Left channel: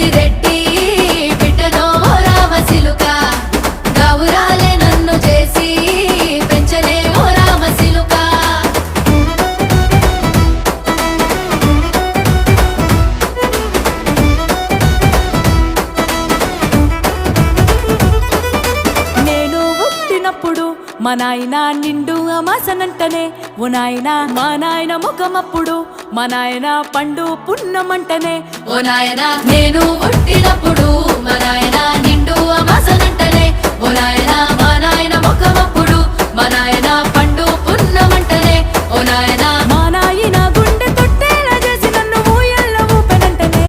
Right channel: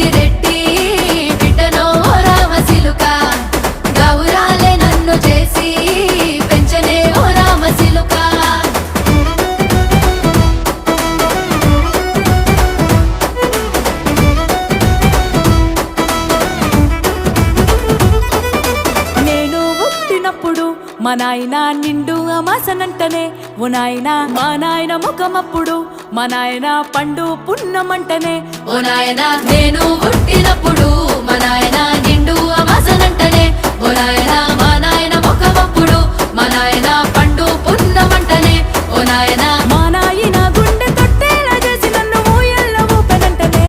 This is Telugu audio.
పెద్దిరెడ్డి బిడ్డలో ఓ రామసిలుక గౌరాలే నన్ను చేసి పెంచనే ఓ రామసిలుక నేను పుట్టినప్పుడు మా నాయన నిండు అమాసనంటనే ఓ నాయన మా నాయన ముఖమప్పుడు మా నాయన పండు పున్నమంటనే ఓ నాయన నేను పుట్టినప్పుడు మా నాయన నిండు అమాసనంటనే ఓ నాయన మా నాయన ముఖమప్పుడు మా నాయన పండు పున్నమంటనే ఓ నాయన మా నాయన గుండె